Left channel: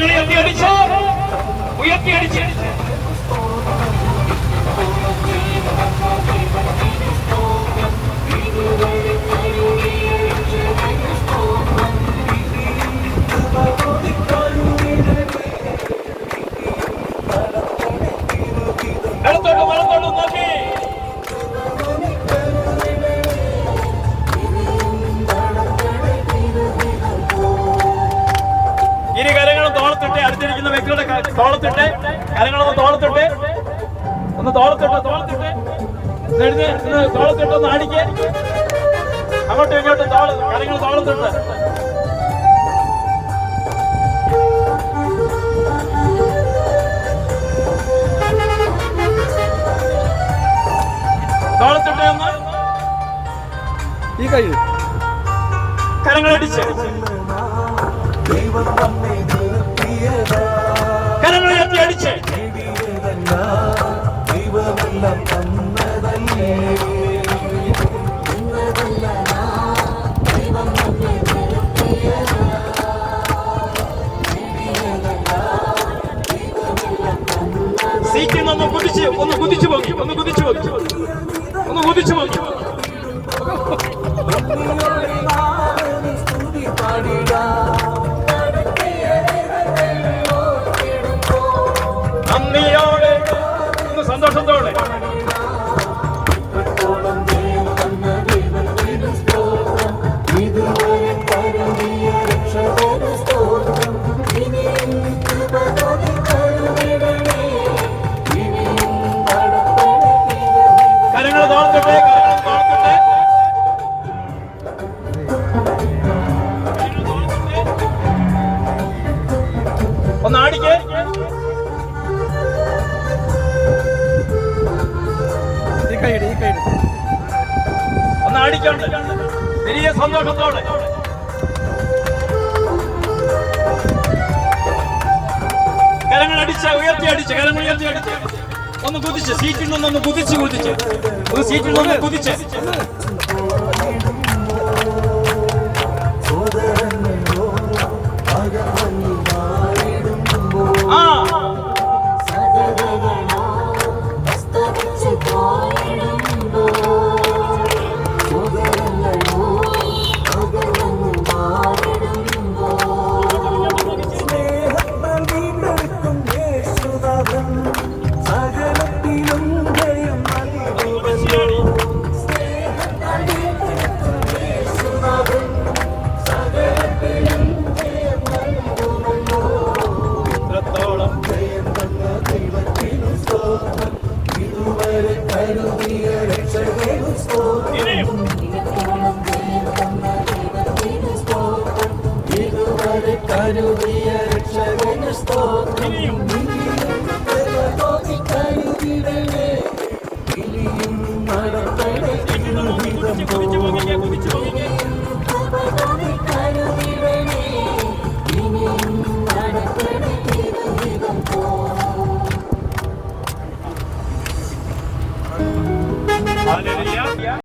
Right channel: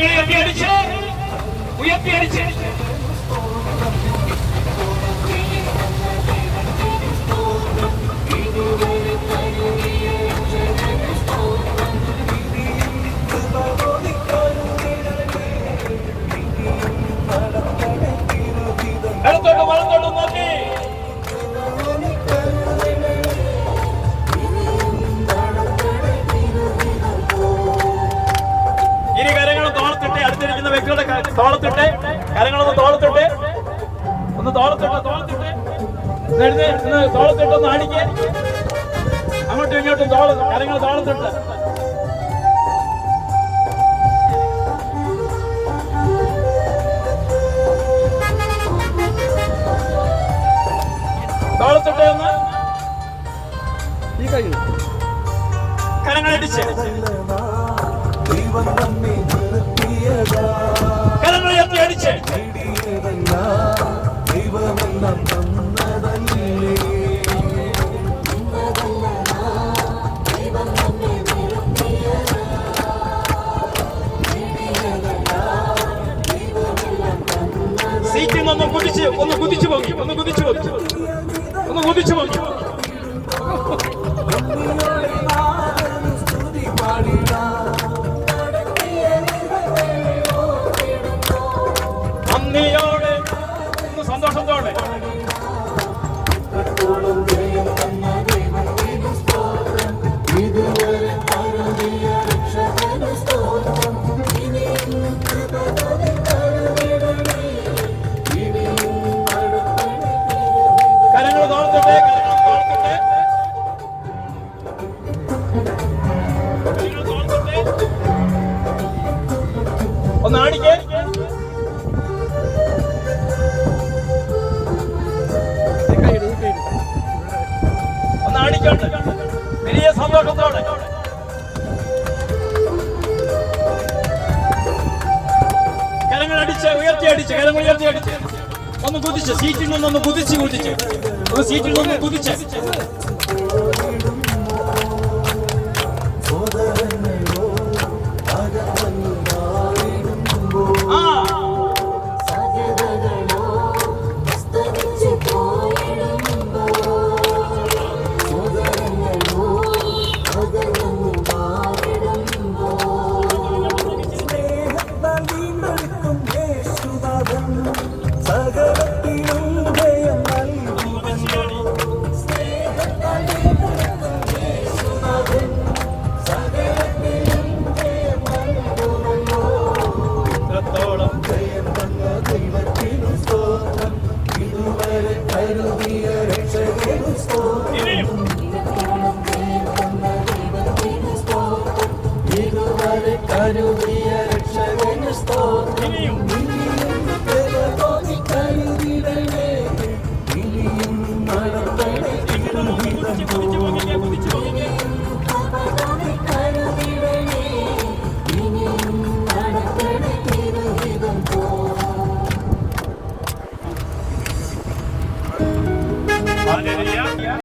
കരങ്ങളെ ഉയർത്തിയടിച്ച് ഉയർത്തിയടിച്ച് വലത്തോട്ട് നോക്കി ഇരു കരങ്ങളും തോളത്തിട്ട് അടുത്തിരിക്കുന്ന വ്യക്തിയുടെ തോളത്തിട്ട് കരങ്ങളൊന്ന് തോളത്തിട്ട് ഒന്ന് തോളത്തിട്ട് തോളത്തിട്ട് ഒന്ന് അടിക്ക് അങ്ങോട്ടും ഇങ്ങോട്ടും കരങ്ങൾ തോളത്തിട്ട് തോളത്തിട്ട് ഒന്ന് ഈ കഴിയും കരങ്ങളടിച്ച് കരങ്ങളുയർത്തി അടിച്ച് സീറ്റിൽ നിന്ന് ഒന്ന് കുതിച്ചു പോയി നന്ദിയോടെ സന്തോഷത്തോടെ കരങ്ങൾ തോളത്തിട്ട് ഒന്ന് ആടിക്കേ ഒന്ന് ആടിക്കോട്ടെ വലിയ സന്തോഷത്തോടെ കരങ്ങൾ അടിച്ച് ഉയർത്തി അടിച്ച് ഒന്ന് കുതിച്ച് സീറ്റിൽ നിന്നൊന്ന് കുതിച്ച് സീറ്റിൽ നിന്ന് കുതിച്ച് കരുതിയ രക്ഷകന് സ്തോത്രം